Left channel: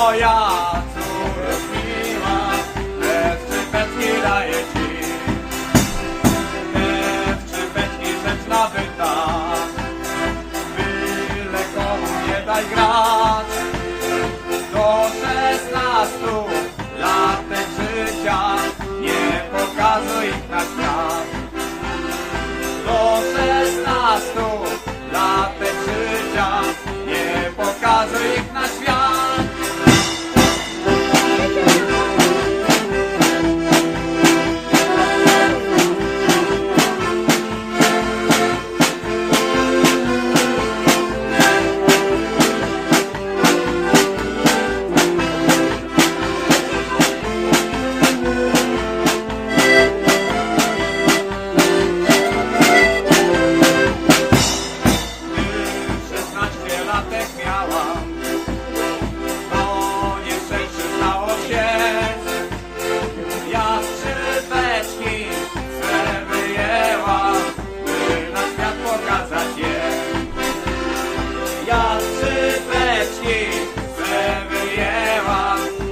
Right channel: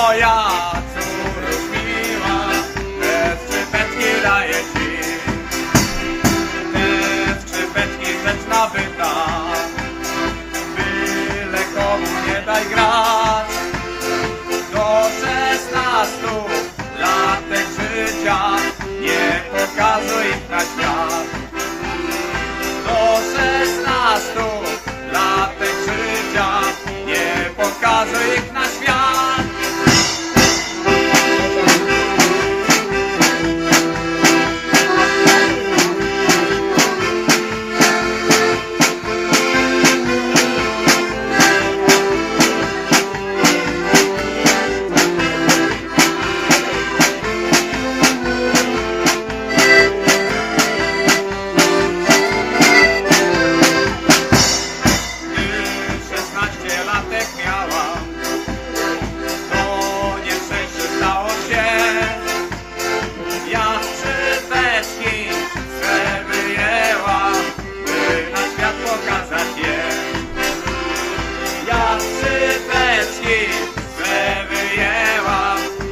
moja córów miła, te szczypeczki daję ci. Te szczypeczki rzecz nabyta, byle komu nie daj grać. Do szesnastu latek życia nie pokazuj ich na świat.